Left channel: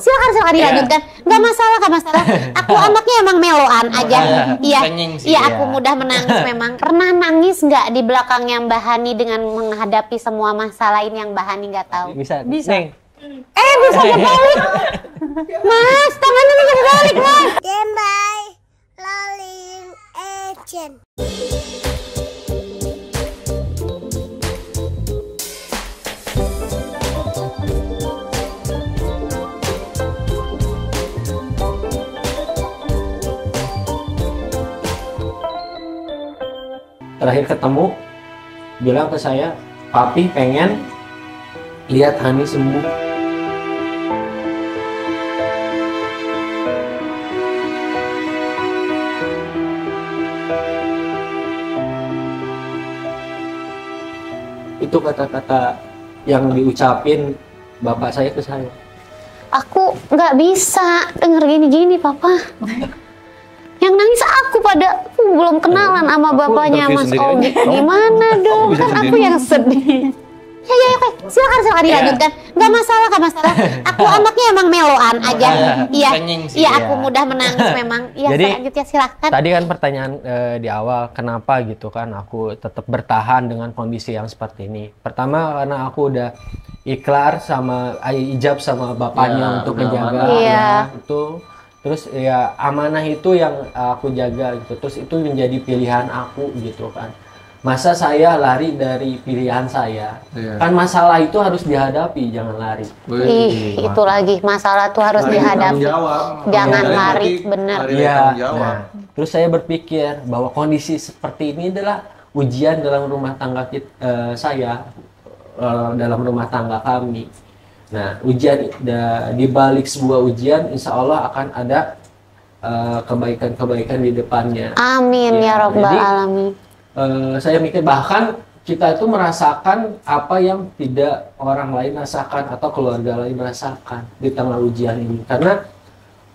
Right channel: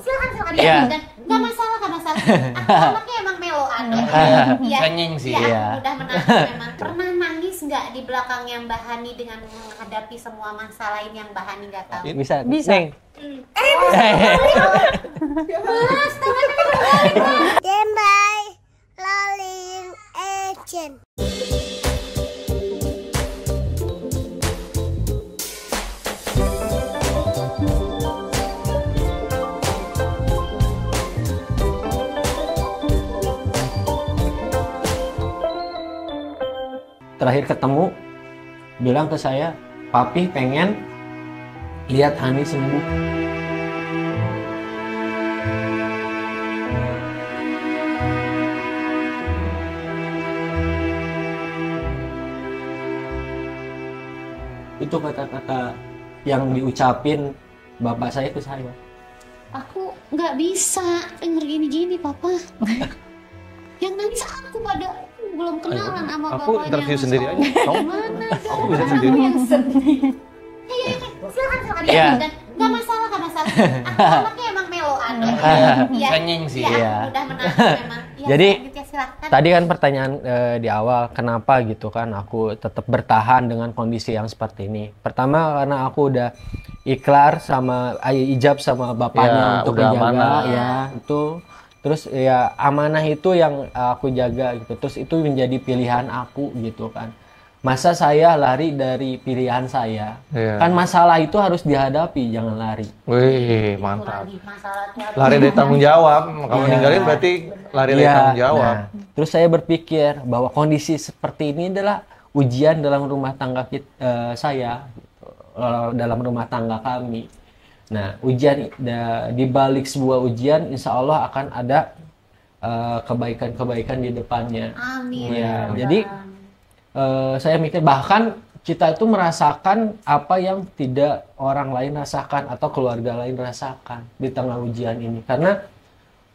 Silakan dilanjutkan. Nggak masalah, nggak masalah. Aku anaknya emang meloan aja. Iya, iya aku mudah menangis memang. Pernah nangis nggak di belakangnya Mbak Hani dengan menghadapi semua masalah ini yang Mbak Hani nggak tahu? Bisa. Bisa. Neng. Bisa kebalik. Mas, tangannya kebalik, Mas. Dembai Laling Agent. Terakhir ketemu bilang ke saya, papi pengen lihat Hani sembuh. Itu kata-kata yang diucapin bapak saya ke saya. Aku nggak bisa denger gini-gini, Papa. Yang nangis aku belum kenalan sama bapaknya Mas Omi. Gimana dong? Kan aku yang sedih. Ya, silakan dilanjutkan. Nggak masalah, nggak masalah. Aku anaknya emang meloan aja. Iya, iya aku mudah menangis memang. Iya, jadi ya, silakan. Tadi kan pertanyaan di awal, kenapa gitu kan aku tetap bertahan dengan kondisi yang seperti ini. Pertama karena aku udah ikrar sama ijab sama bapaknya untuk menjaga ya itu. Terus ya amanah itu yang aku jaga gitu. Terus itu menjadi pilihan aku gitu kan. Masa saya lari dari pilihan saya? Kan masalah itu harus dihadapi, jangan lari. Itu lagi masalah tuh harus dihadapi. Tanggung jawab. Jangan lari, benar. Iya. Nah, terus saya berpikir bahwa kondisi seperti ini adalah ujian dalam rumah tangga saya, dalam rumah tangga kami. Nah, ujian di balik sebuah ujian, insya Allah akan ada kebaikan-kebaikan di depannya. Amin ya Rabbal Alamin. Saya mikir bahkan kita itu merasakan apa yang tidak orang lain rasakan atau keluarga lain rasakan di tengah ujian ini. Karena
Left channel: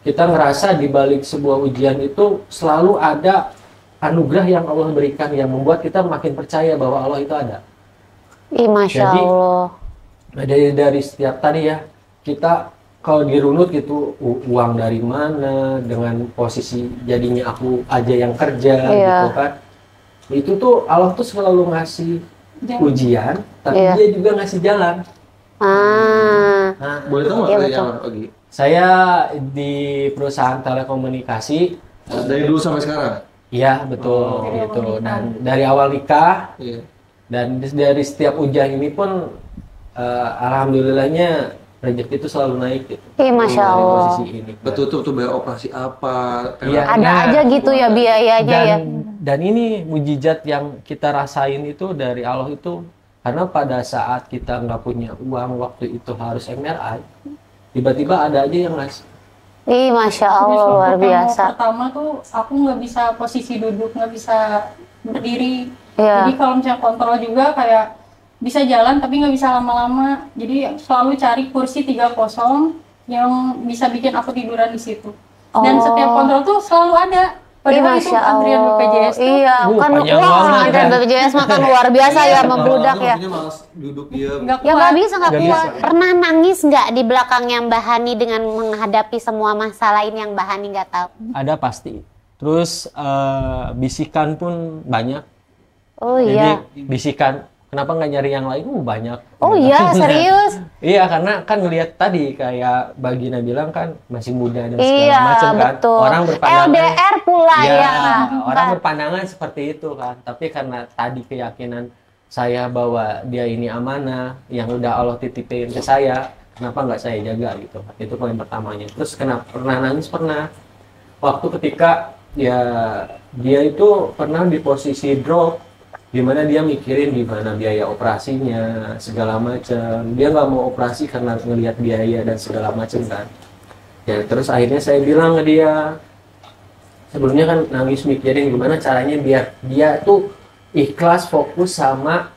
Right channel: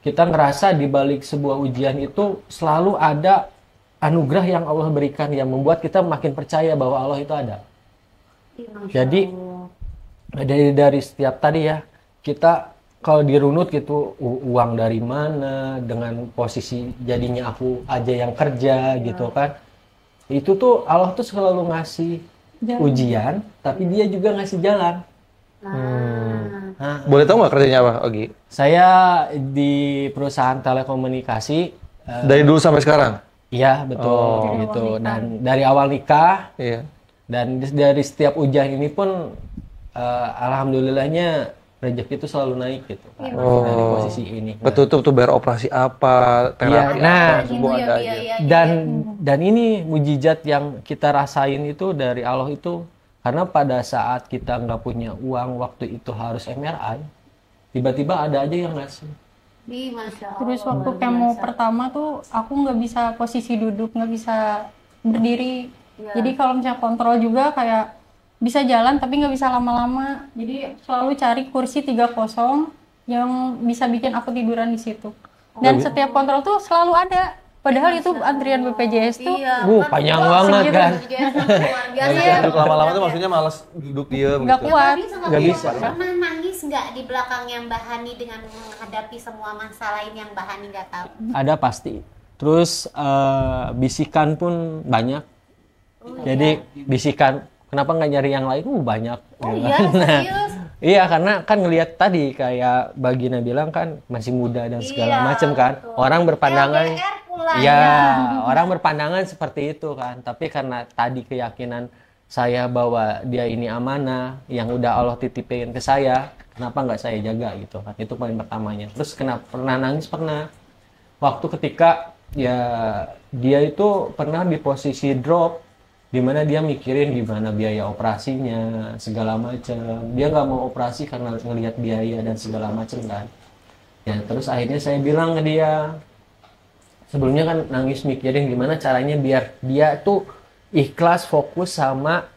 kita ngerasa di balik sebuah ujian itu selalu ada anugerah yang Allah berikan yang membuat kita makin percaya bahwa Allah itu ada. Masya Allah. Dari setiap tadi ya, kita kalau dirunut gitu uang dari mana, dengan posisi jadinya aku aja yang kerja gitu kan, itu tuh Allah tuh selalu ngasih ujian, tapi dia juga ngasih jalan. Nah, boleh tahu nggak kerjanya apa, Ogi? Saya di perusahaan telekomunikasi dari dulu sampai sekarang. Iya betul gitu, dan dari awal nikah dan dari setiap ujian ini pun alhamdulillahnya rezeki itu selalu naik gitu. Masya Allah. Dari posisi ini. Betul tuh bayar operasi apa? Ada aja gitu ya biayanya. Dan ini mujizat yang kita rasain itu dari Allah itu karena pada saat kita nggak punya uang waktu itu harus MRI, tiba-tiba ada aja yang ngasih. Masya Allah luar biasa. Pertama tuh aku nggak bisa posisi duduk, nggak bisa berdiri. Jadi kalau misalnya kontrol juga kayak bisa jalan tapi nggak bisa lama-lama, jadi selalu cari kursi 3 kosong yang bisa bikin aku tiduran di situ. Dan setiap kontrol tuh selalu ada, padahal itu antrian BPJS tuh kan panjang banget kan. BPJS makan luar biasa ya membludak ya. Maksudnya malas duduk diam. Nggak kuat. Nggak kuat. Pernah nangis nggak di belakangnya Mbak Hani dengan menghadapi semua masalah ini yang Mbak Hani nggak tahu? Ada pasti. Terus bisikan pun banyak. Jadi bisikan, kenapa nggak nyari yang lain? Banyak. Serius? Iya, karena kan ngelihat tadi kayak Bagina bilang kan masih muda dan segala macam kan. Betul. Orang berpandangan LDR pula orang berpandangan seperti itu kan. Tapi karena tadi keyakinan saya bahwa dia ini amanah yang udah Allah titipin ke saya, kenapa nggak saya jaga gitu kan. Itu paling pertamanya. Terus kenapa pernah nangis? Pernah. Waktu ketika dia itu pernah di posisi drop, dimana dia mikirin gimana biaya operasinya segala macam. Dia nggak mau operasi karena ngelihat biaya dan segala macam kan. Ya terus akhirnya saya bilang ke dia, sebelumnya kan nangis mikirin gimana caranya biar dia tuh ikhlas fokus sama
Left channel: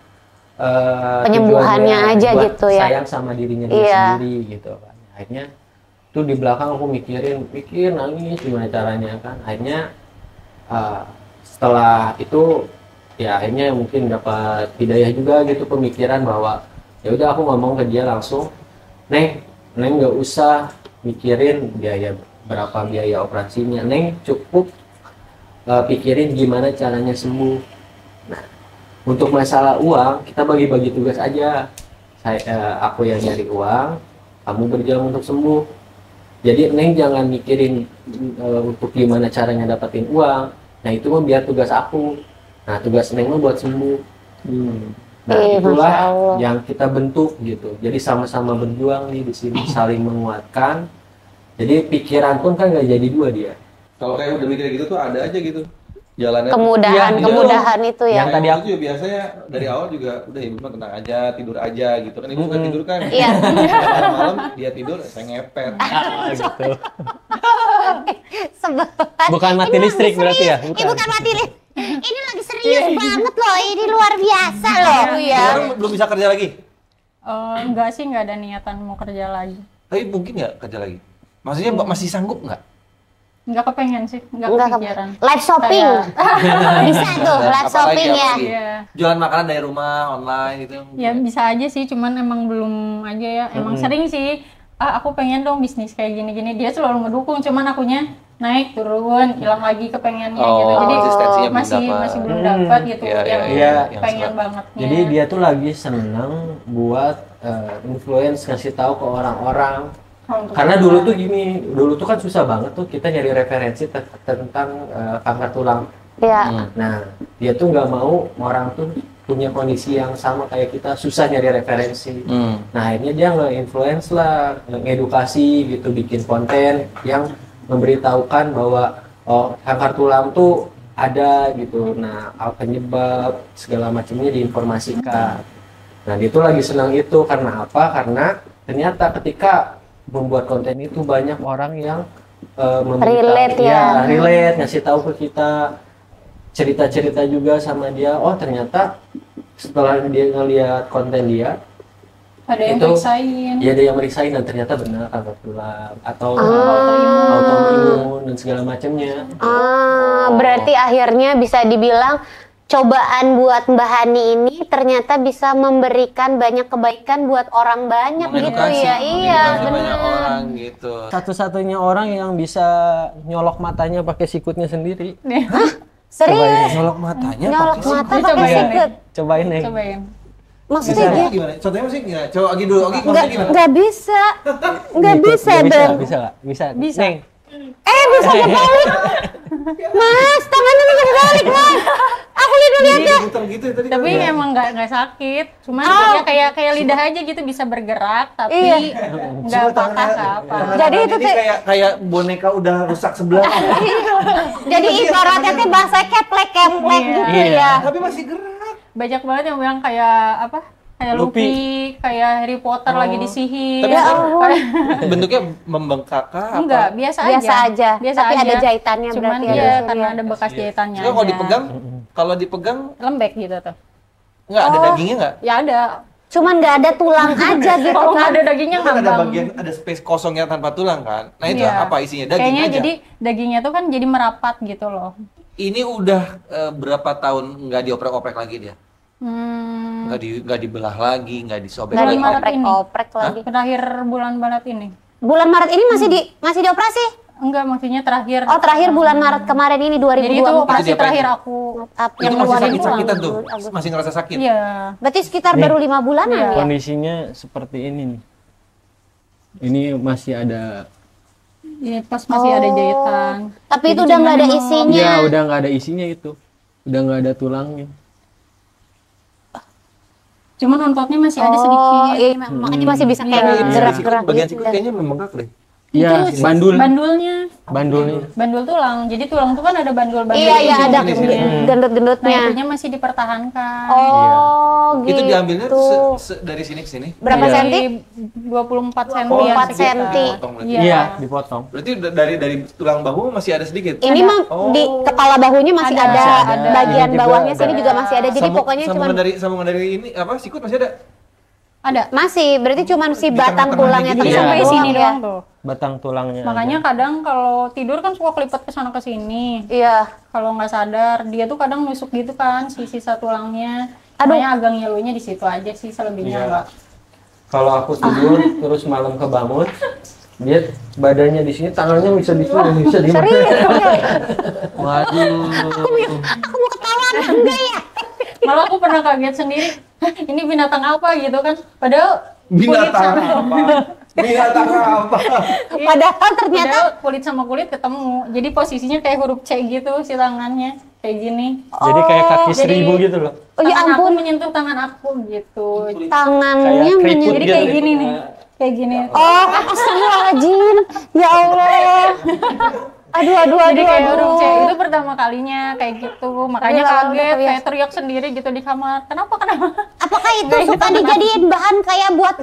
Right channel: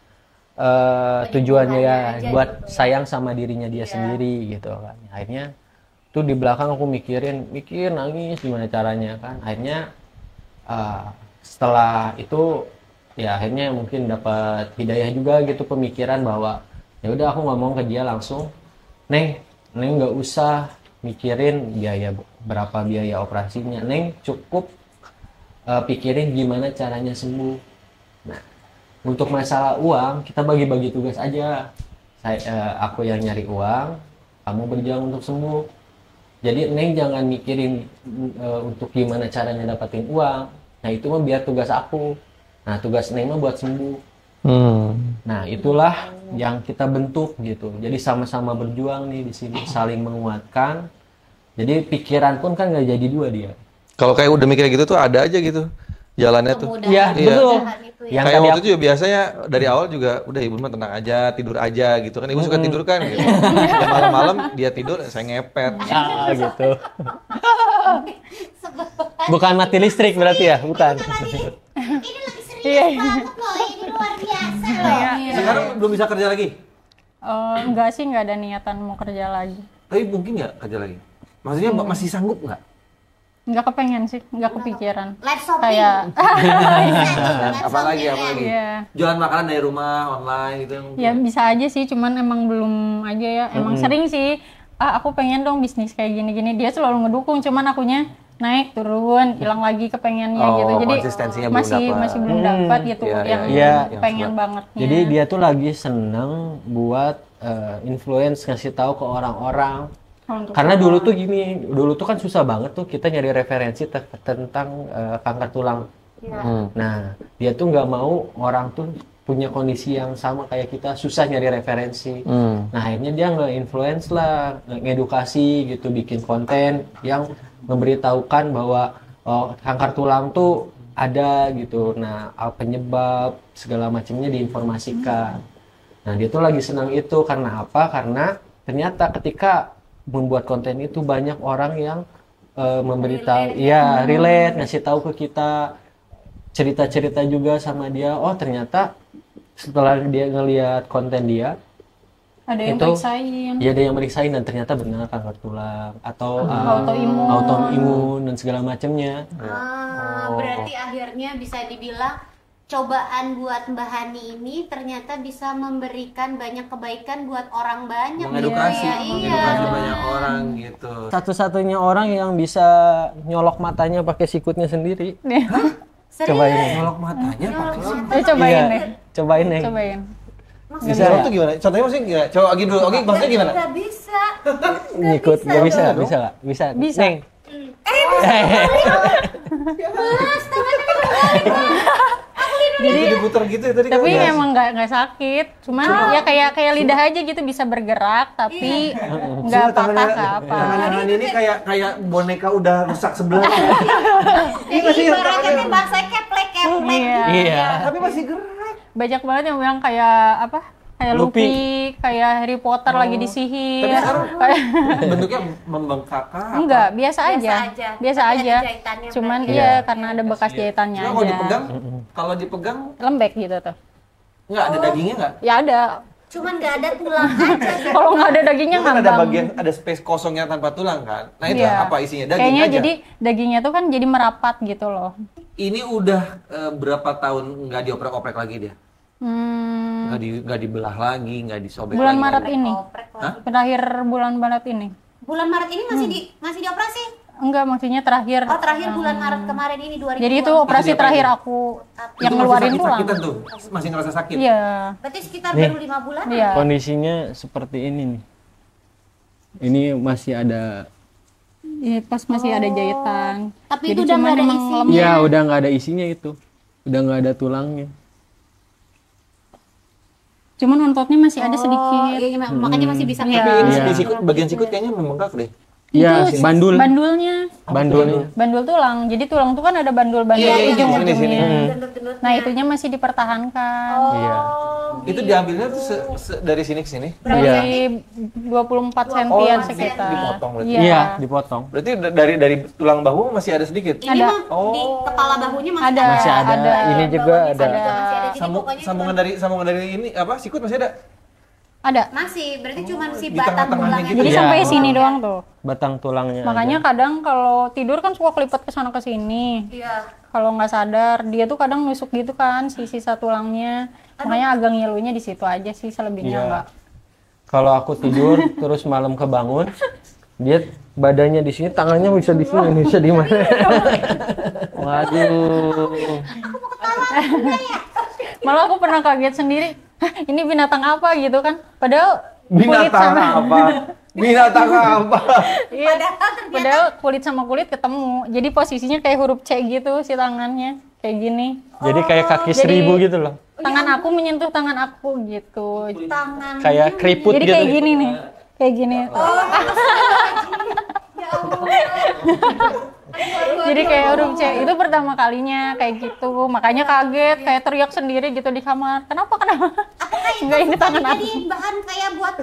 tujuannya buat gitu sayang sama dirinya dia sendiri gitu kan. Akhirnya tuh di belakang aku mikir nangis gimana caranya kan. Akhirnya setelah itu ya akhirnya mungkin dapat hidayah juga gitu, pemikiran bahwa ya udah aku ngomong ke dia langsung, Neng nggak usah mikirin berapa biaya operasinya. Neng cukup pikirin gimana caranya sembuh. Nah, untuk masalah uang kita bagi-bagi tugas aja. Aku yang nyari uang, kamu berjuang untuk sembuh. Jadi Neng jangan mikirin untuk gimana caranya dapetin uang. Nah itu mah biar tugas aku. Nah tugas Neng mah buat sembuh. Nah itulah yang kita bentuk gitu. Jadi sama-sama berjuang nih di sini, saling menguatkan. Jadi pikiran pun kan nggak jadi dua dia. Kalau kayak udah mikir gitu tuh ada aja gitu jalannya. Kemudahan itu ya. Yang tadi aku juga biasanya dari awal juga udah ibu mah tenang aja, tidur aja gitu kan. Ibu suka tidur kan. Malam-malam dia tidur, saya ngepet. Gitu. Bukan mati listrik berarti ya? Bukan. Bukan mati listrik. Ini lagi serius banget loh, ini luar biasa loh. Sekarang belum bisa kerja lagi? Enggak sih, nggak ada niatan mau kerja lagi. Tapi mungkin nggak kerja lagi? Maksudnya masih sanggup nggak? Nggak kepengen sih, nggak kepikiran. Live shopping. Bisa tuh, live shopping ya. Iya. Jualan makanan dari rumah, online gitu. Ya bisa aja sih, cuman emang belum aja ya. Emang sering sih, aku pengen dong bisnis kayak gini-gini. Dia selalu ngedukung, cuman akunya naik turun, hilang lagi kepengennya gitu. Jadi masih belum dapat gitu yang pengen bangetnya. Jadi dia tuh lagi seneng buat influence, ngasih tahu ke orang-orang. Karena dulu tuh gini, dulu tuh kan susah banget tuh kita nyari referensi tentang kanker tulang. Iya. Nah, dia tuh nggak mau orang tuh punya kondisi yang sama kayak kita, susah nyari referensi. Nah, akhirnya dia nge-influence lah, ngedukasi gitu, bikin konten yang memberitahukan bahwa kanker tulang tuh ada gitu. Nah, penyebab segala macamnya diinformasikan. Nah, dia tuh lagi senang itu karena apa? Karena ternyata ketika membuat konten itu banyak orang yang memberitahu, relate, ngasih tahu ke kita cerita-cerita juga sama dia. Oh ternyata setelah dia ngelihat konten dia, ada yang meriksain. Ya ada yang meriksain dan ternyata benar kanker tulang atau autoimun dan segala macamnya. Berarti akhirnya bisa dibilang cobaan buat Mbak Hani ini ternyata bisa memberikan banyak kebaikan buat orang banyak gitu ya. Iya, banyak orang gitu. Satu-satunya orang yang bisa nyolok matanya pakai sikutnya sendiri. Serius? Nyolok matanya pakai Cobain deh. Cobain. Maksudnya gimana? Contohnya maksudnya gimana? Coba Agi dulu. Agi maksudnya gimana? Nggak bisa. Nggak bisa. Bisa. Neng. Bisa kebalik. Mas, tangannya kebalik, Mas. Aku Jadi diputar gitu ya tadi. Tapi emang nggak sakit, cuma ya kayak lidah aja gitu bisa bergerak, tapi nggak patah apa. Jadi itu kayak boneka udah rusak sebelah. Jadi ibaratnya tuh bahasa keplek. Iya. Tapi masih gerak. Banyak banget yang bilang kayak apa? Kayak Luffy, kayak Harry Potter lagi disihir. Bentuknya membengkak kah? Enggak, biasa aja. Biasa Tapi aja. ada jahitannya Cuman berarti. iya karena ada bekas jahitannya aja. Kalau dipegang lembek gitu tuh. nggak ada dagingnya nggak? Ya ada. Cuman nggak ada tulang aja gitu. Kalau nggak ada dagingnya Kan ada ngambang. bagian ada space kosong yang tanpa tulang kan? Nah itu Iya. apa isinya? Daging Kayaknya aja. jadi dagingnya tuh kan jadi merapat gitu loh. Ini udah berapa tahun nggak dioprek-oprek lagi dia? Nggak dibelah lagi, nggak disobek Bulan lagi. Maret ini. Oprek lagi. Terakhir bulan Maret ini. Bulan Maret ini masih dioperasi? Enggak, maksudnya terakhir. Oh, terakhir bulan Maret kemarin ini 2020. Jadi itu operasi terakhir aku yang ngeluarin tulang. Sakitan tuh, masih ngerasa sakit. Iya. Berarti sekitar baru 5 bulan Iya. Kondisinya seperti ini nih. Ini masih ada. Iya, pas masih ada jahitan. Tapi Jadi itu udah nggak ada cuman isinya. Ya udah nggak ada isinya itu. Udah nggak ada tulangnya. Cuman ontotnya masih ada sedikit. Iya, makanya masih bisa kayak Iya. gerak-gerak Bagian gitu sikut ya. kayaknya membengkak deh. Iya, Bandulnya. bandulnya. Tulang. Jadi tulang tuh kan ada bandul-bandul Iya, ada ujung-ujungnya. gendut-gendutnya. Nah, itunya masih dipertahankan. Oh, gitu. Itu diambilnya dari sini ke sini. Berapa Iya. senti? 24 sentian 24 sekitar. senti. Iya, dipotong. Berarti dari tulang bahu masih ada sedikit. Ini Ada. mah di kepala bahunya masih ada. Masih ada. Bagian Ini juga bawahnya ada. sini juga masih ada. Jadi pokoknya cuma sambungan dari ini apa sikut masih ada. Ada. masih. Berarti cuma si Di batang tengah-tengah tulangnya. gitu. Jadi Iya. sampai sini ya. doang tuh. Batang tulangnya. Makanya kadang kalau tidur kan suka kelipet ke sana ke sini. Iya. Kalau nggak sadar, dia tuh kadang nusuk gitu kan si sisa tulangnya. Makanya agak ngilunya di situ aja sih, selebihnya Iya. enggak. Kalau aku tidur terus malam kebangun, Dia badannya di sini, tangannya bisa di sini, bisa di mana? Waduh. Aku mau ketawa enggak ya? Malah aku pernah kaget sendiri. "Hah, ini binatang apa gitu kan? Padahal kulit Binatang sama apa? Binatang apa? padahal kulit sama kulit ketemu. Jadi posisinya kayak huruf C gitu si tangannya. Kayak gini. Jadi kayak kaki jadi- 1000 gitu loh. Tangan aku menyentuh tangan aku gitu. Tangannya Kayak keriput Jadi gitu. kayak gini nih. Kayak gini. Astagfirullahaladzim. Ya Allah. Aduh. Jadi kayak huruf C itu pertama kalinya kayak gitu, makanya kaget, kayak teriak sendiri gitu di kamar. Kenapa? Apakah itu Enggak, ini suka tangan dijadiin bahan kayak buat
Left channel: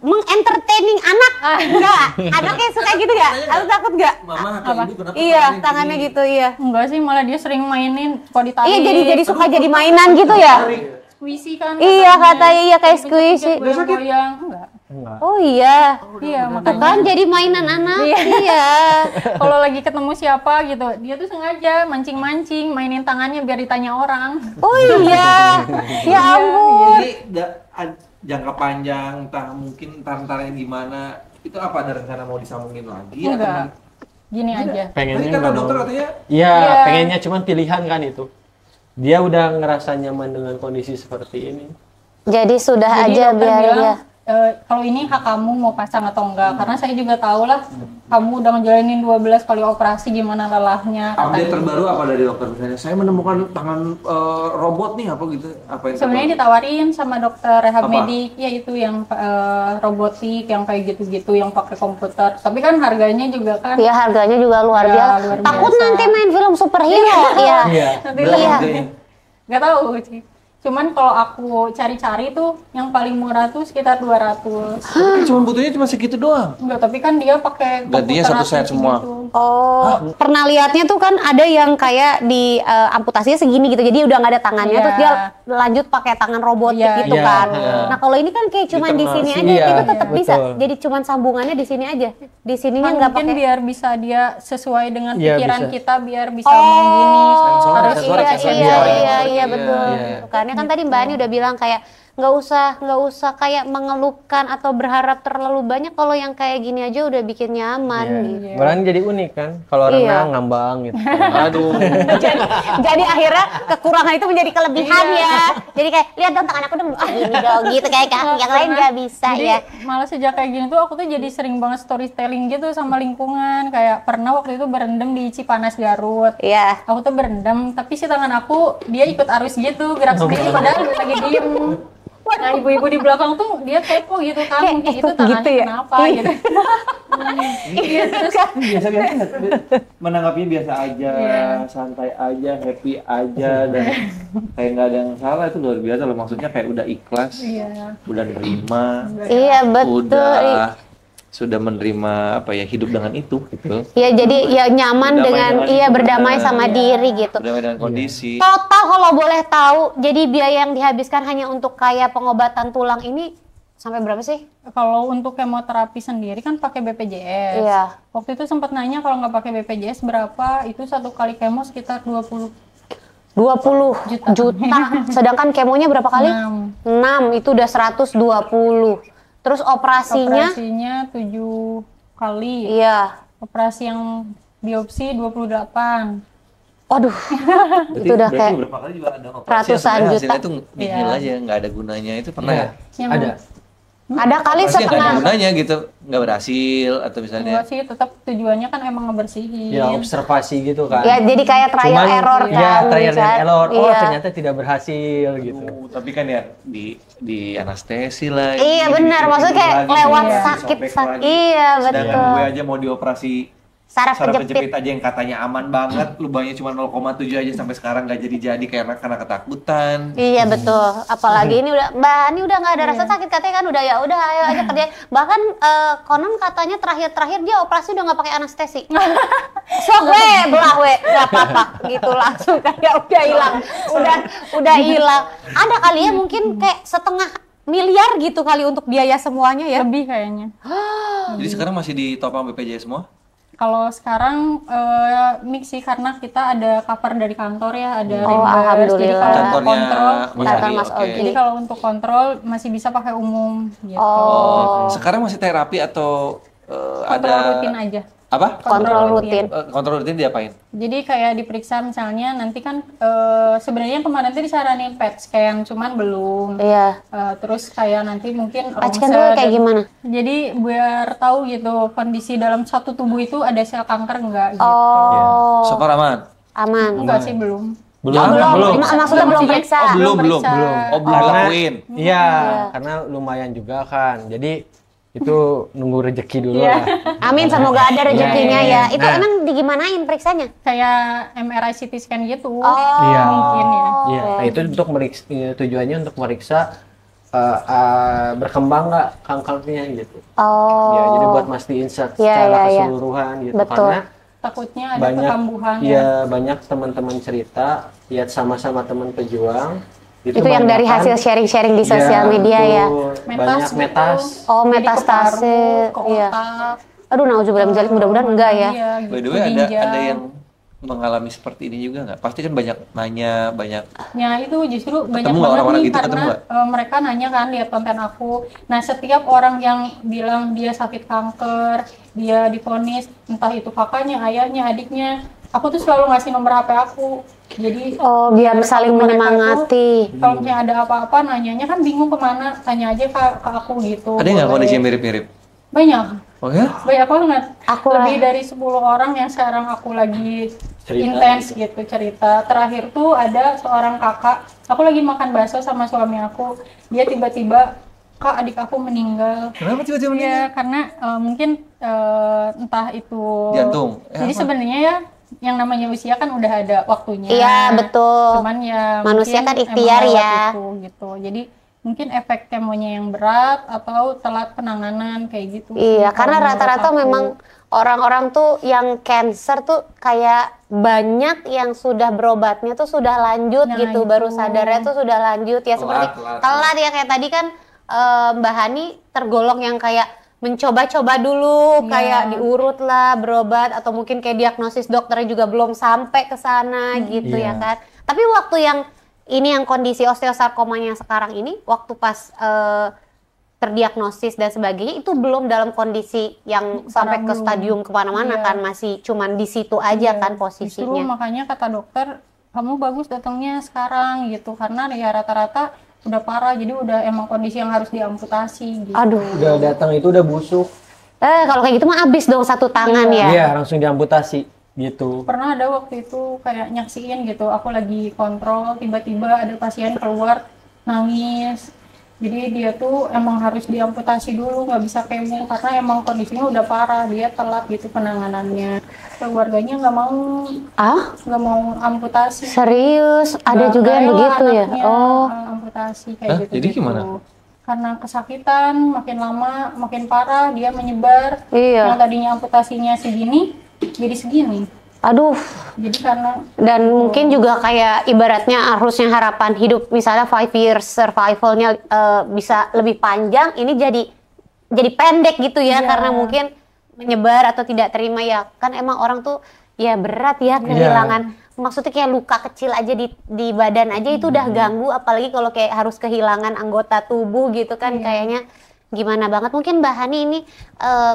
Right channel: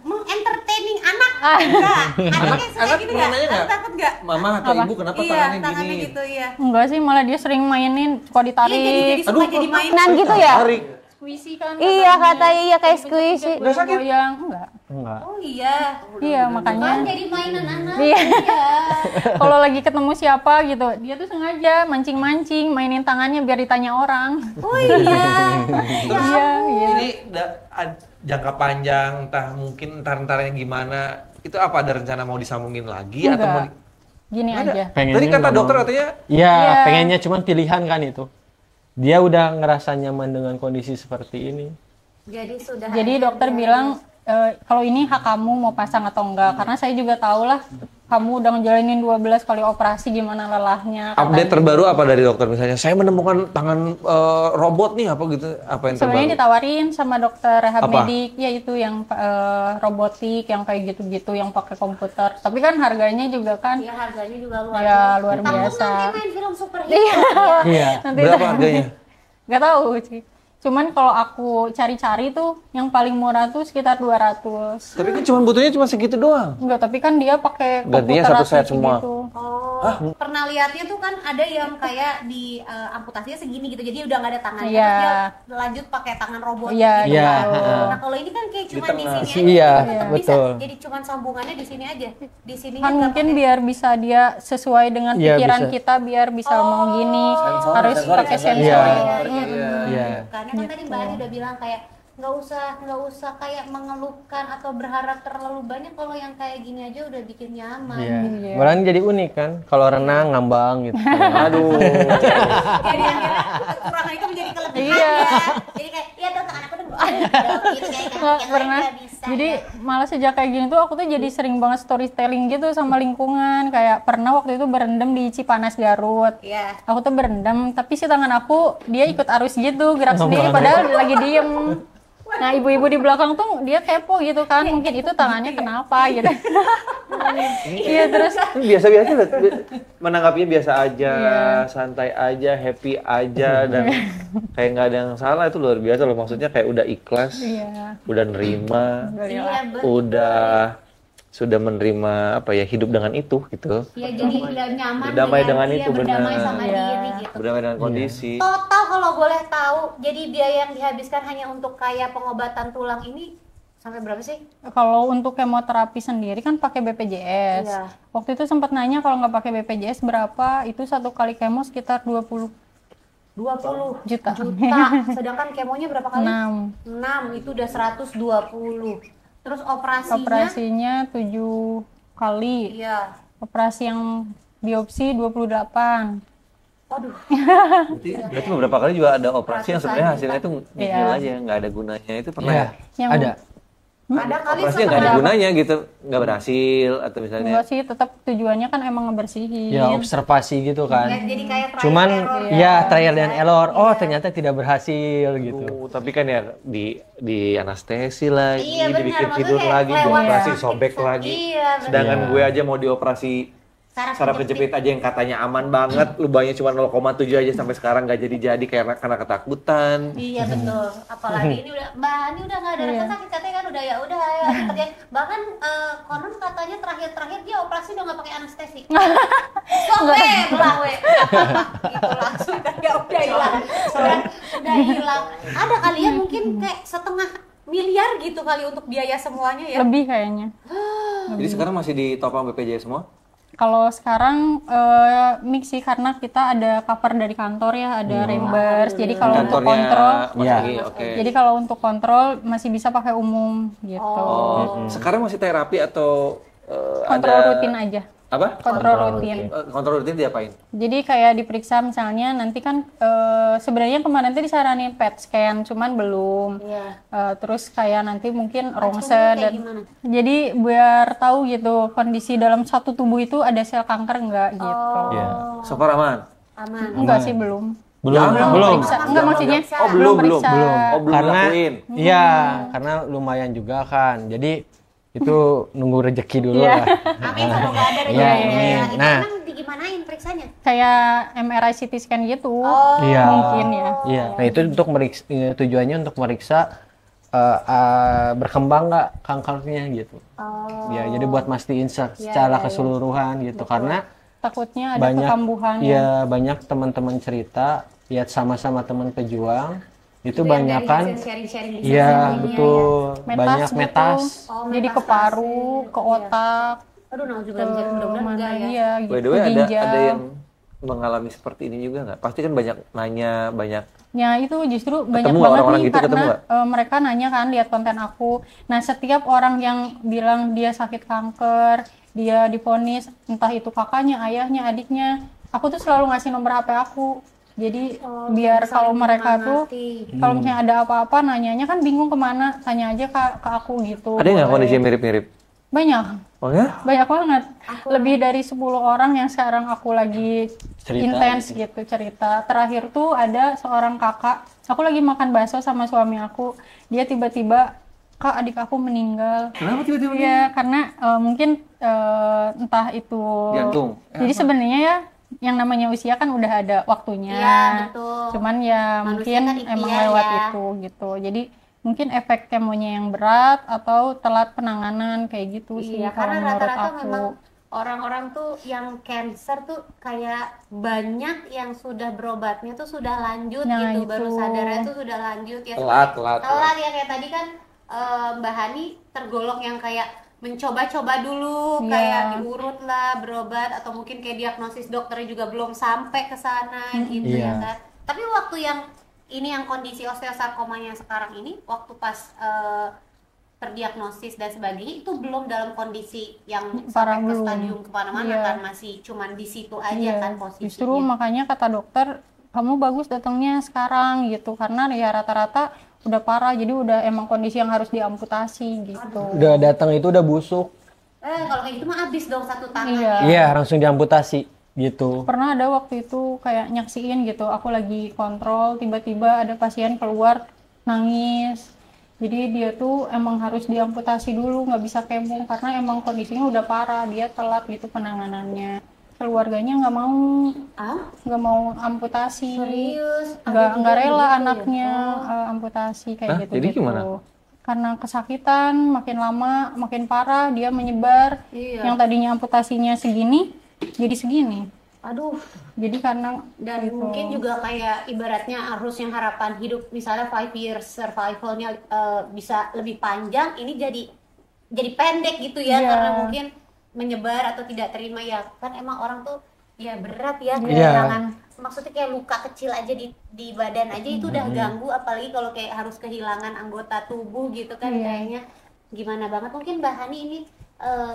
mengentertaining anak? Enggak. Anak yang suka gitu enggak? Aku takut enggak? Mama atau ibu kenapa Iya, tangannya gini? gitu iya. Enggak sih, malah dia sering mainin, suka ditarik. Iya, jadi suka jadi mainan gitu ya? squishy kan. Iya, katanya. katanya iya kayak squishy. Goyang-goyang, enggak. Enggak. Oh iya. Iya, Kan makanya jadi mainan anak. Iya. Iya. kalau lagi ketemu siapa gitu, dia tuh sengaja mancing-mancing, mainin tangannya biar ditanya orang. Oh iya. Ya Iya, ampun. Jadi jangka panjang, entah mungkin entar-entarnya gimana, itu apa ada rencana mau disambungin lagi Enggak. atau Gini aja. Tadi Pengennya kata nggak dokter mau. katanya Iya, Iya. pengennya cuman pilihan kan itu. Dia udah ngerasa nyaman dengan kondisi seperti ini. Jadi sudah Jadi aja dokter biar bilang aja. kalau ini hak kamu mau pasang atau enggak, karena saya juga tahu lah kamu udah ngejalanin 12 kali operasi gimana lelahnya. update Katanya. terbaru apa dari dokter misalnya? Saya menemukan tangan robot nih apa gitu? Apa yang Sebenarnya terbaru? ditawarin sama dokter rehab Apa? medik, ya itu yang robotik, yang kayak gitu-gitu, yang pakai komputer. Tapi kan harganya juga kan Ya harganya juga luar Ya, biasa. luar Takut biasa. nanti main film superhero. Iya. Iya. nanti Berapa lah. harganya? Nggak tahu sih. Cuman kalau aku cari-cari tuh yang paling murah tuh sekitar 200. Tapi cuma butuhnya cuma segitu doang. Enggak, tapi kan dia pakai Gantinya komputer satu asli set semua. gitu. Oh, pernah lihatnya tuh kan ada yang kayak di amputasinya segini gitu, jadi udah nggak ada tangannya, Iya. terus dia lanjut pakai tangan robotik Iya, gitu iya. kan. Iya. Nah kalau ini kan kayak cuman di sini aja, Iya, itu tetap bisa. betul. Jadi cuman sambungannya di sini aja, di sininya Kan nggak mungkin pakai. biar bisa dia sesuai dengan Iya, pikiran bisa. kita, biar bisa mau gini, harus sensor, pakai sensor. sensor. Iya betul. Iya. Karena kan tadi Mbak Ani udah bilang kayak nggak usah kayak mengeluhkan atau berharap terlalu banyak, kalau yang kayak gini aja udah bikin nyaman. Iya. Malah jadi unik kan, kalau Iya. renang ngambang gitu. Aduh. Jadi akhirnya kekurangan itu menjadi kelebihan ya. Jadi kayak lihat dong tangan aku dong, ini dong gitu kayak kaki yang lain nggak bisa Jadi ya. malah sejak kayak gini tuh aku tuh jadi sering banget storytelling gitu sama lingkungan. Kayak pernah waktu itu berendam di Cipanas Garut. Iya. Aku tuh berendam, tapi si tangan aku dia ikut arus gitu, gerak sendiri padahal lagi diem. Nah ibu-ibu di belakang tuh dia kepo gitu kan, mungkin itu tangannya kenapa gitu. Iya terus Biasa-biasa menanggapinya biasa aja, Iya. santai aja, happy aja dan kayak nggak ada yang salah, itu luar biasa loh. Maksudnya kayak udah ikhlas, iya. udah nerima, Iya betul. sudah menerima apa ya, hidup dengan itu gitu. Ya jadi ya nyaman Berdamai dengan dengan iya itu, berdamai benar. sama Iya. diri gitu. Berdamai dengan kondisi. Total kalau boleh tahu, jadi biaya yang dihabiskan hanya untuk kayak pengobatan tulang ini sampai berapa sih? Kalau untuk kemoterapi sendiri kan pakai BPJS. Iya. Waktu itu sempat nanya kalau nggak pakai BPJS berapa, itu satu kali kemo sekitar 20 20 juta. Sedangkan kemonya berapa kali? 6 itu udah 120. Terus Operasinya 7 kali. iya. Operasi yang biopsi 28. Waduh. itu udah berarti kayak beberapa kali juga ada operasi yang ratusan sebenarnya juta. hasilnya itu nihil Iya. aja, nggak ada gunanya. Itu pernah Iya, ya? Yang ada. ada kali Operasi nggak ada setengah. gunanya gitu, nggak berhasil atau misalnya Enggak sih, tetap tujuannya kan emang ngebersihin. Ya observasi gitu kan. Ya jadi kayak trial Cuman error ya kan, trial bisa. and error. Oh Iya. ternyata tidak berhasil gitu. tapi kan ya di anestesi lagi. Iya benar, ditidur maksudnya kayak lagi, lewat dioperasi, sakit sobek lagi. Iya betul. Sedangkan gue aja mau dioperasi Saraf saraf kejepit. kejepit aja yang katanya aman banget, lubangnya cuma 0,7 aja sampai sekarang nggak jadi karena ketakutan. Iya betul. Apalagi ini udah Mbak Ani udah nggak ada rasa sakit, katanya kan udah ya udah ayo aja kerja. Bahkan konon katanya terakhir dia operasi udah nggak pakai anestesi. Sok we, belah we, nggak apa-apa gitu langsung kayak udah hilang, udah hilang. Ada kali ya mungkin kayak 1,5 miliar gitu kali untuk biaya semuanya ya. Lebih kayaknya. Jadi sekarang masih ditopang BPJS semua? Kalau sekarang mix sih karena kita ada cover dari kantor ya, ada reimburse. Jadi kalau untuk Kantornya, kontrol, jadi kalau untuk kontrol masih bisa pakai umum gitu. Sekarang masih terapi atau Kontrol rutin aja. Apa? Kontrol rutin. Kontrol rutin diapain? Jadi kayak diperiksa misalnya nanti kan sebenarnya kemarin tuh disaranin PET scan cuman belum. Iya. Terus kayak nanti mungkin Scan ronsen dulu kayak gimana? Jadi biar tahu gitu kondisi dalam satu tubuh itu ada sel kanker enggak gitu. Super aman. Aman. Enggak sih belum. Belum. Maksudnya maksudnya belum. periksa. Karena lakuin. iya, karena lumayan juga kan. Jadi itu nunggu rezeki dulu lah. Amin, semoga ada rezekinya ya. Itu Nah. emang digimanain periksanya? Kayak MRI CT scan gitu. Iya. Mungkin ya. Iya. Nah, itu untuk meriksa, tujuannya untuk meriksa berkembang nggak kankernya gitu. Ya, jadi buat mastiin secara keseluruhan gitu. Betul. Karena Takutnya ada banyak kekambuhan banyak teman-teman cerita, lihat sama-sama teman pejuang itu yang dari banyakan- hasil sharing-sharing di sosial media ya. Banyak metas. Oh, Jadi ke metastase. paru, ke Iya. otak. Aduh, nauzubillah min dzalik, mudah-mudahan enggak ya. Iya, By gitu. the way, ada Ginjal. yang mengalami seperti ini juga nggak? Pasti kan banyak nanya, banyak. Ya itu justru banyak Ketemu banget orang-orang nih gitu, karena ketemu mereka nanya kan lihat konten aku. Nah setiap orang yang bilang dia sakit kanker, dia divonis entah itu kakaknya, ayahnya, adiknya, aku tuh selalu ngasih nomor HP aku. Jadi biar saling kalau mereka tuh, menyemangati. kalau misalnya ada apa-apa nanyanya kan bingung kemana, tanya aja ke aku gitu. Ada nggak boleh. kondisi yang mirip-mirip? Banyak. Oh ya? Banyak banget. Aku Lebih dari 10 orang yang sekarang aku lagi intens gitu cerita. Terakhir tuh ada seorang kakak, aku lagi makan bakso sama suami aku, dia tiba-tiba, "Kak, adik aku meninggal." Kenapa tiba-tiba meninggal? Iya, karena mungkin entah itu Jantung. Jadi sebenarnya ya yang namanya usia kan udah ada waktunya. Iya, betul. Cuman ya Manusia mungkin kan emang ikhtiar lewat ya. itu gitu. Jadi mungkin efek kemonya yang berat atau telat penanganan kayak gitu sih, Iya, kalau karena menurut rata-rata aku. memang orang-orang tuh yang cancer tuh kayak banyak yang sudah berobatnya tuh sudah lanjut Nah, gitu, itu. baru sadarnya tuh sudah lanjut ya. Telat, Seperti telat. telat ya, kayak tadi kan Mbak Hani tergolong yang kayak mencoba-coba dulu, Iya. kayak diurut lah berobat, atau mungkin kayak diagnosis dokternya juga belum sampai ke sana gitu ya Iya. kan. Tapi waktu yang ini yang kondisi osteosarkomanya sekarang ini, waktu pas terdiagnosis dan sebagainya, itu belum dalam kondisi yang sampai ke belum. stadium kemana-mana Iya. kan, masih cuman di situ aja kan Justru posisinya. makanya kata dokter, kamu bagus datangnya sekarang gitu, karena ya rata-rata udah parah, jadi udah emang kondisi yang harus diamputasi gitu. Aduh, Udah datang itu udah busuk. kalau kayak gitu mah abis dong satu tangan ya. Iya, langsung diamputasi gitu. Pernah ada waktu itu kayak nyaksiin gitu, aku lagi kontrol, tiba-tiba ada pasien keluar nangis. Jadi dia tuh emang harus diamputasi dulu, nggak bisa kemo karena emang kondisinya udah parah, dia telat gitu penanganannya. Keluarganya nggak mau amputasi. Serius, ada Nggak juga yang rela begitu ya. anaknya Oh, amputasi kayak Hah? gitu-gitu. Jadi gimana? Karena kesakitan, makin lama makin parah, dia menyebar. Iya. Yang tadinya amputasinya segini, jadi segini. aduh. Jadi karena Dan mungkin juga kayak ibaratnya harusnya harapan hidup misalnya 5 years survivalnya bisa lebih panjang, ini jadi pendek gitu ya, Iya. karena mungkin menyebar atau tidak terima ya kan, emang orang tuh ya berat ya kehilangan, maksudnya kayak luka kecil aja di badan aja itu udah ganggu, apalagi kalau kayak harus kehilangan anggota tubuh gitu kan, kayaknya gimana banget. Mungkin Mbak Hani ini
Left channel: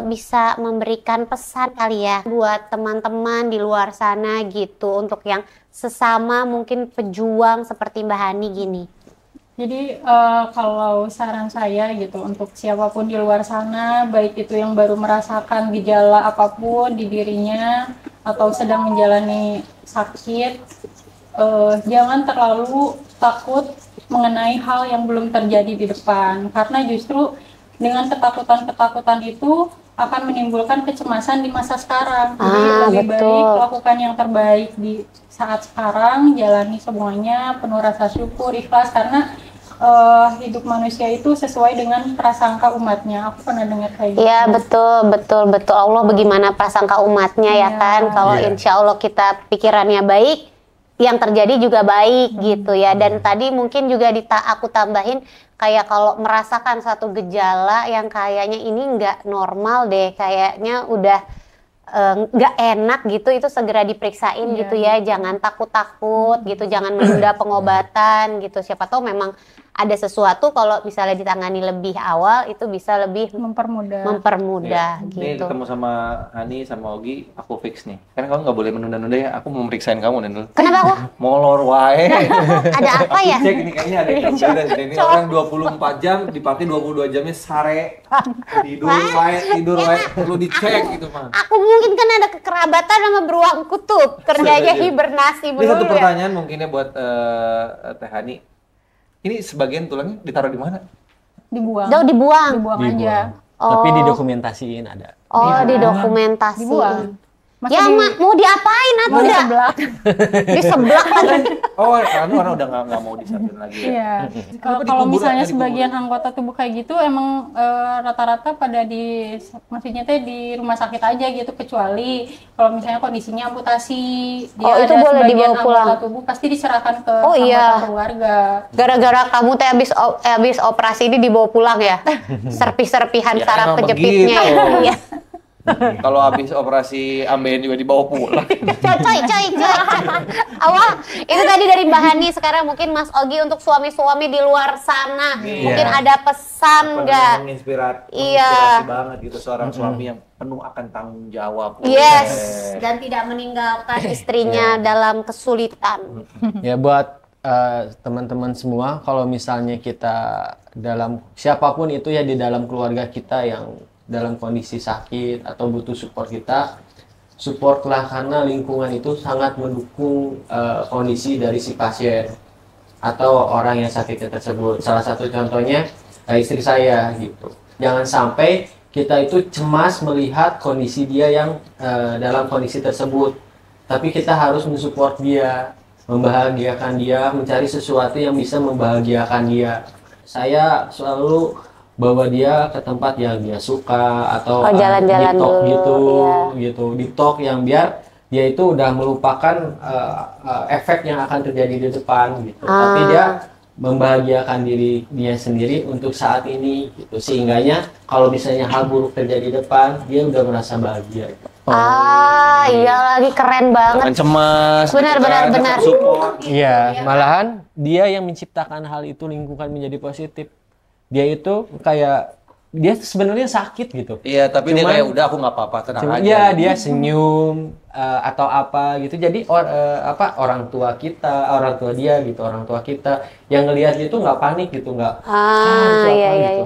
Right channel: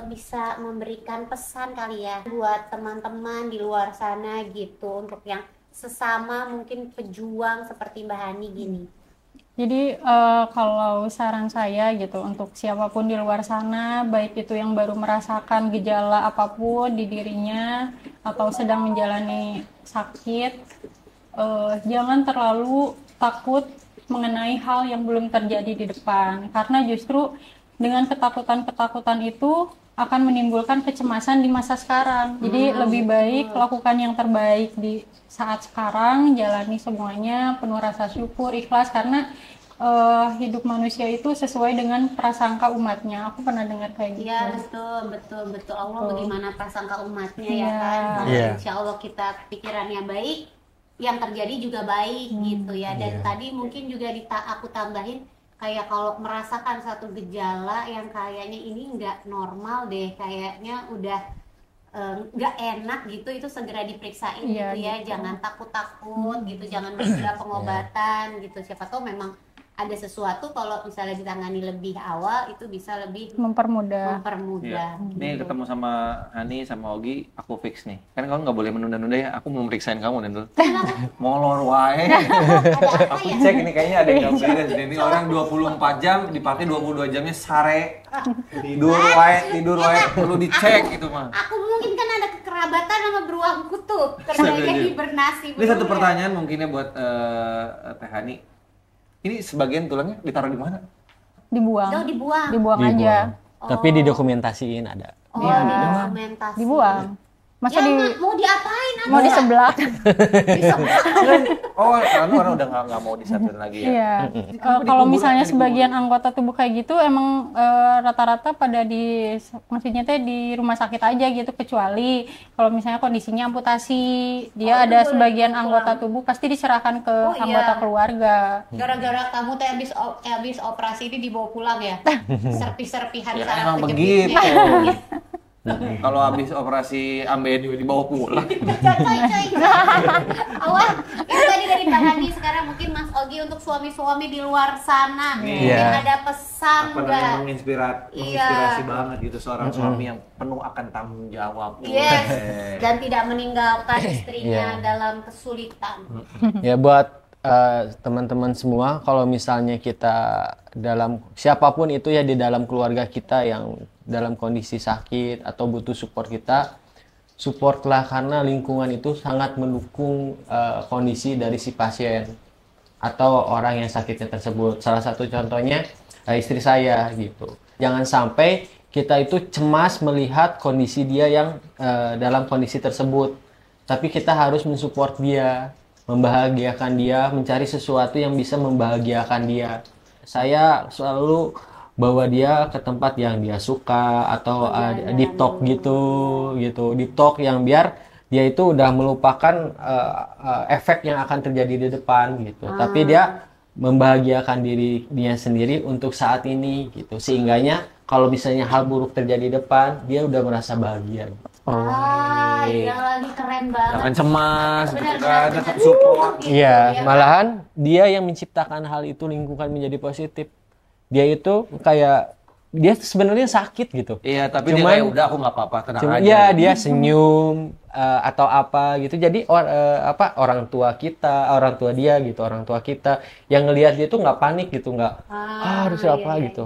bisa memberikan pesan kali ya buat teman-teman di luar sana gitu, untuk yang sesama mungkin pejuang seperti Mbak Hani gini. Jadi kalau saran saya gitu untuk siapapun di luar sana, baik itu yang baru merasakan gejala apapun di dirinya atau sedang menjalani sakit, jangan terlalu takut mengenai hal yang belum terjadi di depan, karena justru dengan ketakutan-ketakutan itu akan menimbulkan kecemasan di masa sekarang. Jadi lebih betul. baik lakukan yang terbaik di saat sekarang, jalani semuanya penuh rasa syukur, ikhlas, karena hidup manusia itu sesuai dengan prasangka umatnya. Aku pernah dengar kayak gitu. Iya, betul. Allah bagaimana prasangka umatnya ya Iya. kan. Kalau Iya. insya Allah kita pikirannya baik, yang terjadi juga baik gitu ya. Dan tadi mungkin juga aku tambahin, kayak kalau merasakan satu gejala yang kayaknya ini nggak normal deh, kayaknya udah nggak enak gitu, itu segera diperiksain gitu ya, jangan takut-takut gitu, jangan menunda pengobatan gitu. Siapa tahu memang ada sesuatu, kalau misalnya ditangani lebih awal itu bisa lebih mempermudah Ini gitu. ketemu sama Hani sama Ogi, aku fix nih. Kan kamu nggak boleh menunda-nunda ya, aku mau meriksain kamu dan dulu. Kenapa kok? Molor wae. Ada apa ya? Cek ini kayaknya ada yang beres ini orang 24 jam dipakai 22 jamnya sare. Tidur wae perlu dicek gitu mah. Aku mungkin kan ada kekerabatan sama beruang kutub, kerjanya hibernasi. Ini satu pertanyaan mungkinnya buat Teh Hani. Ini sebagian tulangnya ditaruh di mana? Dibuang Dibuang aja. Tapi didokumentasiin ada. Oh, didokumentasi. Dibuang. Masa Ya, mau diapain? mau diseblak. Diseblak. Oh, karena orang udah nggak mau disaten lagi. Iya. Kalau misalnya sebagian anggota tubuh kayak gitu emang rata-rata pada maksudnya teh di rumah sakit aja gitu, kecuali kalau misalnya kondisinya amputasi, dia ada sebagian anggota tubuh pasti diserahkan ke anggota keluarga. Gara-gara kamu teh habis operasi ini dibawa pulang ya? Serpih-serpihan saraf kejepitnya. Ya. Kalau habis operasi ambeien juga dibawa pulang. Coy. Awal itu tadi dari Mbak Hani. Sekarang mungkin Mas Ogi untuk suami-suami di luar sana, mungkin ada pesan nggak? Menginspirasi banget gitu seorang suami yang penuh akan tanggung jawab. Yes, dan tidak meninggalkan istrinya dalam kesulitan. Ya buat teman-teman semua, kalau misalnya kita siapapun itu ya di dalam keluarga kita yang dalam kondisi sakit atau butuh support kita, supportlah, karena lingkungan itu sangat mendukung kondisi dari si pasien atau orang yang sakitnya tersebut. Salah satu contohnya istri saya gitu. Jangan sampai kita itu cemas melihat kondisi dia yang dalam kondisi tersebut, tapi kita harus mensupport dia, membahagiakan dia, mencari sesuatu yang bisa membahagiakan dia. Saya selalu bawa dia ke tempat yang dia suka atau deep talk gitu, deep talk yang biar dia itu udah melupakan efek yang akan terjadi di depan gitu, tapi dia membahagiakan dirinya sendiri untuk saat ini gitu, sehingganya kalau misalnya hal buruk terjadi di depan dia udah merasa bahagia gitu. Iya lagi keren banget. Jangan cemas. Benar. Iya, malahan dia yang menciptakan hal itu, lingkungan menjadi positif. Dia itu kayak dia sebenarnya sakit gitu. Iya, tapi cuman, dia kayak udah aku nggak apa-apa, tenang aja. Iya, dia senyum atau apa gitu. Jadi orang tua dia gitu, orang tua kita yang ngelihat dia tuh nggak panik gitu, nggak harus apa gitu.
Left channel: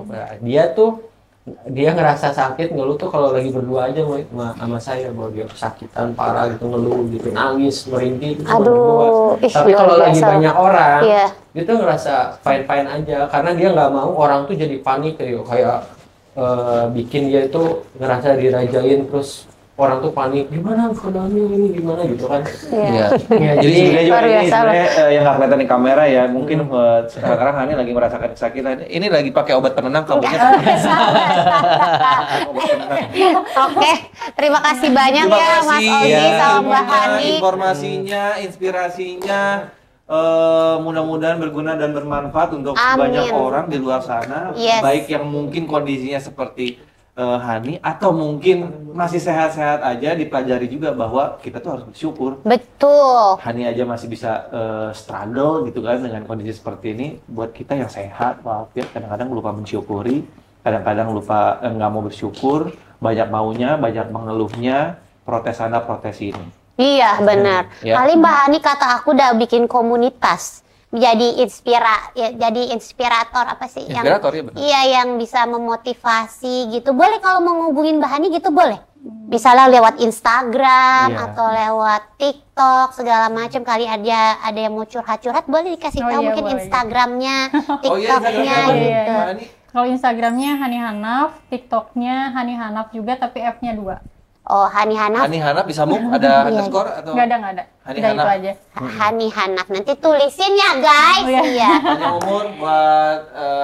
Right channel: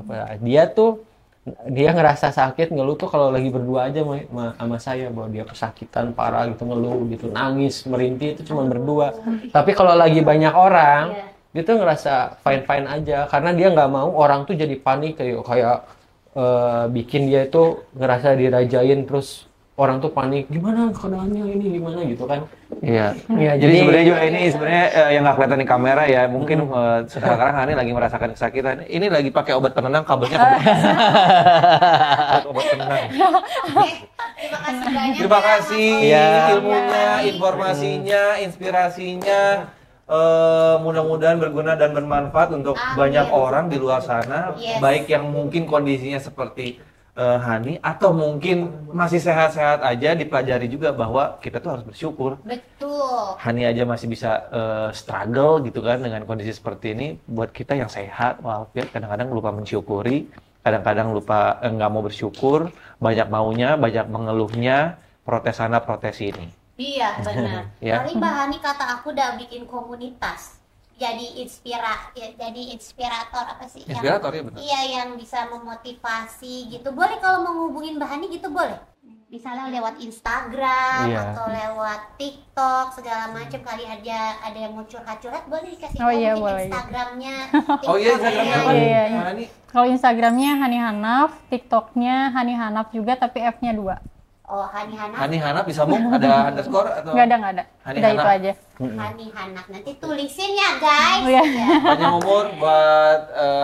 Dia ngerasa sakit ngeluh tuh kalau lagi berdua aja sama saya, bahwa dia kesakitan parah gitu, ngeluh gitu, nangis merintih itu cuma berdua. Tapi kalau lagi banyak orang, dia tuh ngerasa fine aja, karena dia nggak mau orang tuh jadi panik kayak bikin dia itu ngerasa dirajain, terus orang tuh panik, gimana keadaannya ini gimana gitu kan. Iya. Jadi sebenarnya yang nggak kelihatan di kamera ya, mungkin sekarang Hani lagi merasakan kesakitan. Ini lagi pakai obat penenang kabarnya. Oke, terima kasih banyak ya Mas Ogi sama Mbak Hani. Informasinya, inspirasinya. Mudah-mudahan berguna dan bermanfaat untuk banyak orang di luar sana, baik yang mungkin kondisinya seperti Hani atau mungkin masih sehat-sehat aja, dipelajari juga bahwa kita tuh harus bersyukur. Betul. Hani aja masih bisa struggle gitu kan dengan kondisi seperti ini. Buat kita yang sehat, kadang-kadang lupa mensyukuri, kadang-kadang lupa nggak mau bersyukur, banyak maunya, banyak mengeluhnya, protes sana protes ini. Iya benar. Kali Mbak Hani kata aku udah bikin komunitas. Jadi inspirator apa sih? Inspirator, ya benar. Iya, yang bisa memotivasi gitu. Boleh kalau mau ngubungin Mbak Hani gitu boleh. Misalnya lewat Instagram atau lewat TikTok segala macam, kali ada yang mau curhat-curhat boleh dikasih tahu mungkin boleh. Instagramnya, TikToknya. Kalau Instagramnya Hani Hanaf, TikToknya Hani Hanaf juga tapi F-nya 2. Oh, Hani Hanaf. Hani Hanaf bisa ada underscore atau? Nggak ada. Udah itu aja. Hani Hanaf, nanti tulisin ya guys. Iya. Panjang umur buat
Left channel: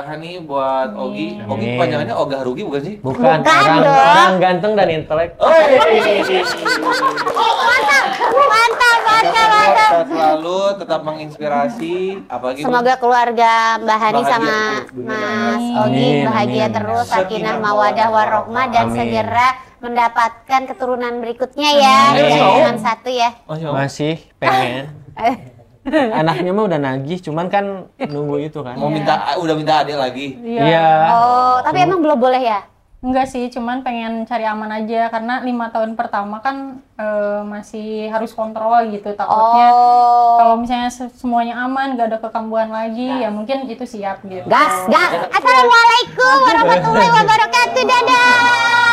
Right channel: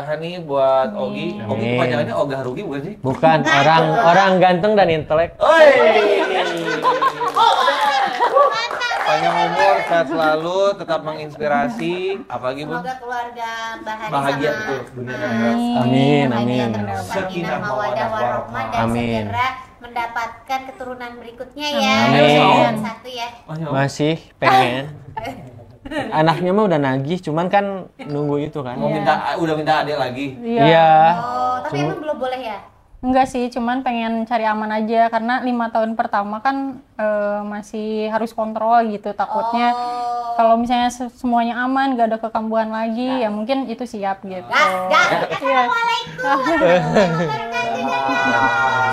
Hani, buat Ogi. Ogi panjangannya Ogah Rugi bukan sih? Bukan, orang ganteng dan intelek. Mantap. Sehat selalu, tetap menginspirasi. Apalagi semoga keluarga Mbak Hani sama Mas Ogi bahagia terus, sakinah mawadah warohmah, dan segera mendapatkan keturunan berikutnya ya. Amin. Satu ya. Masih pengen. Anaknya mah udah nagih, cuman kan nunggu itu kan. Udah minta adik lagi. Iya. Oh, tapi emang belum boleh ya? Enggak sih, cuman pengen cari aman aja karena 5 tahun pertama kan masih harus kontrol gitu, takutnya kalau misalnya semuanya aman, gak ada kekambuhan lagi, ya mungkin itu siap gitu. Gas. Assalamualaikum warahmatullahi wabarakatuh. Dadah.